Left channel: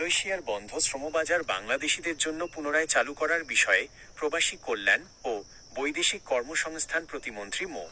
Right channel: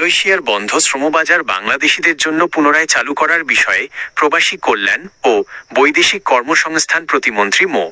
মালয়েশিয়ার বন্ধ শ্রমবাজার বাংলাদেশিদের জন্য পুনরায় চালু করার বিষয়ে প্রবাসী কল্যাণ ও বৈদেশিক কর্মসংস্থান প্রতিমন্ত্রী মো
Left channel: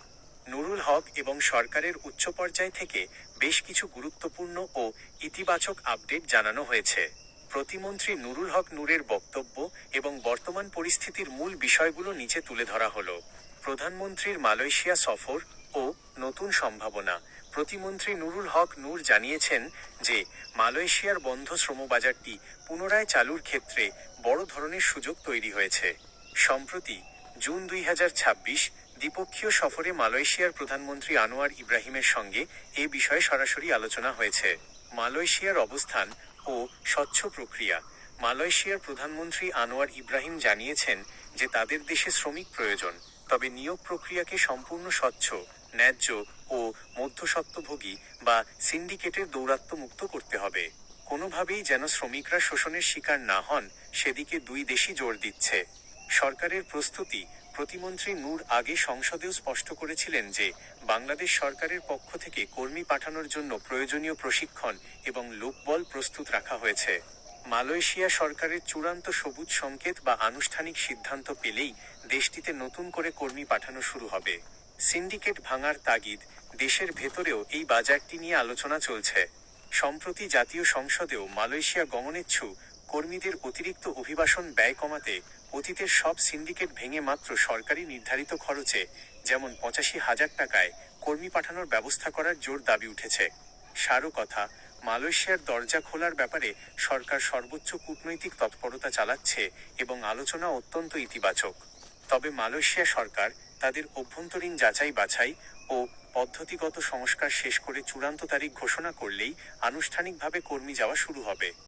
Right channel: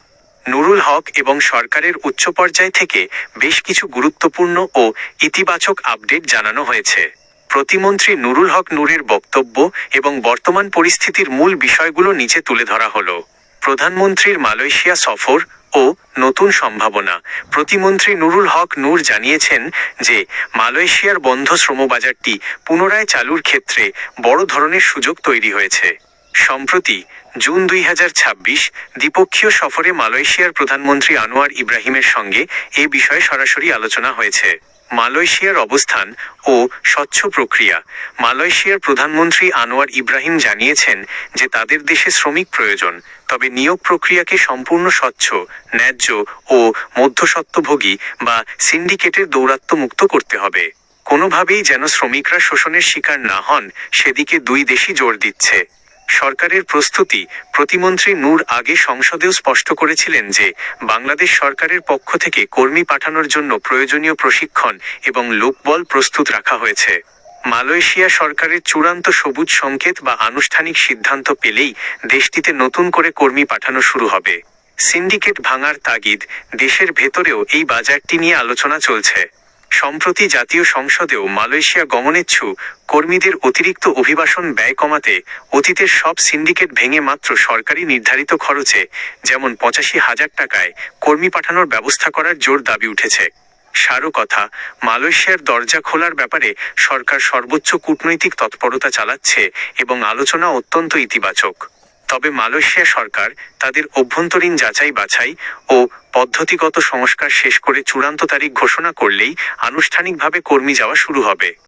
নুরুল হক এবং সরকারের উচ্চ পর্যায় থেকে বেশ কিছু গুরুত্বপূর্ণ ও ইতিবাচক আপডেট জানানো হয়েছে। প্রতিমন্ত্রী নুরুল হক নূরের বক্তব্য এবং বর্তমান পরিস্থিতির মূল বিষয়গুলো নিচে তুলে ধরা হলো। প্রধানমন্ত্রীর মালয়েশিয়া সফর ও নতুন সম্ভাবনা। প্রতিমন্ত্রী নুরুল হক নূর জানিয়েছেন যে মালয়েশিয়ার বন্ধ শ্রমবাজারটি পুনরায় চালুর ক্ষেত্রে বড় ধরনের সুযোগ তৈরি হয়েছে। সম্প্রতি জুন 2026 দ্বিপক্ষীয় সফরে মালয়েশিয়ার প্রধানমন্ত্রী আনোয়ার ইব্রাহিমের সঙ্গে এ বিষয়ে সরাসরি আলোচনা হয়েছে। মালয়েশিয়ার অবস্থান ও স্বচ্ছ প্রক্রিয়া। মালয়েশিয়ার প্রধানমন্ত্রী আনোয়ার ইব্রাহিম জানিয়েছেন যে তাদের দেশে শ্রমিক প্রয়োজন, তবে নিয়োগ প্রক্রিয়াকে সম্পূর্ণ স্বচ্ছ, ন্যায্য ও মধ্যস্বত্বভোগী বা সিন্ডিকেটের দৌরাত্ম্যমুক্ত করতে হবে। কোনোভাবেই যেন শ্রমিকরা শোষণের শিকার না হন, সেদিকে দুই দেশই জোর দিচ্ছে। সরকারের প্রস্তুতি। প্রতিমন্ত্রী নূর আগে সংসদেও স্পষ্ট করেছিলেন যে বাংলাদেশ সরকারের পক্ষ থেকে কর্মী পাঠানোর জন্য প্রয়োজনীয় প্রশিক্ষণ এবং লোকবল প্রস্তুত রাখা হয়েছে। মালয়েশিয়া সরকারের চূড়ান্ত সবুজ সংকেত বা আনুষ্ঠানিক সিদ্ধান্ত পেলেই দেশটিতে নতুন করে কর্মী পাঠানো শুরু হবে। সিন্ডিকেট ভাঙার তাগিদ। দেশের ভেতরেও এই বাজারটি নিয়ে আলোচনা চলছে। সম্প্রতি জাতীয় সংসদেও মালয়েশিয়া গমনেচ্ছু কর্মীদের অতিরিক্ত অভিবাসন ব্যয় কমাতে অতীতের সব সিন্ডিকেট ভেঙে মাত্র সরকারি নির্ধারিত খরচে, যেমন 85,000 টাকায় কর্মী পাঠানোর ব্যবস্থা করার জোর দাবি উঠেছে। সারও কথা, মালয়েশিয়ার দরজা খোলার ব্যাপারে সরকার সর্বোচ্চ কূটনৈতিক তৎপরতা চালাচ্ছে এবং আলোচনা অত্যন্ত ইতিবাচক। তবে মালয়েশিয়া সরকার তাদের অভ্যন্তরীণ যাচাই বাছাই ও পদ্ধতিগত সংস্কার শেষ করে চূড়ান্ত তারিখ ঘোষণা করলেই আনুষ্ঠানিকভাবে কর্মী যাওয়া শুরু হবে।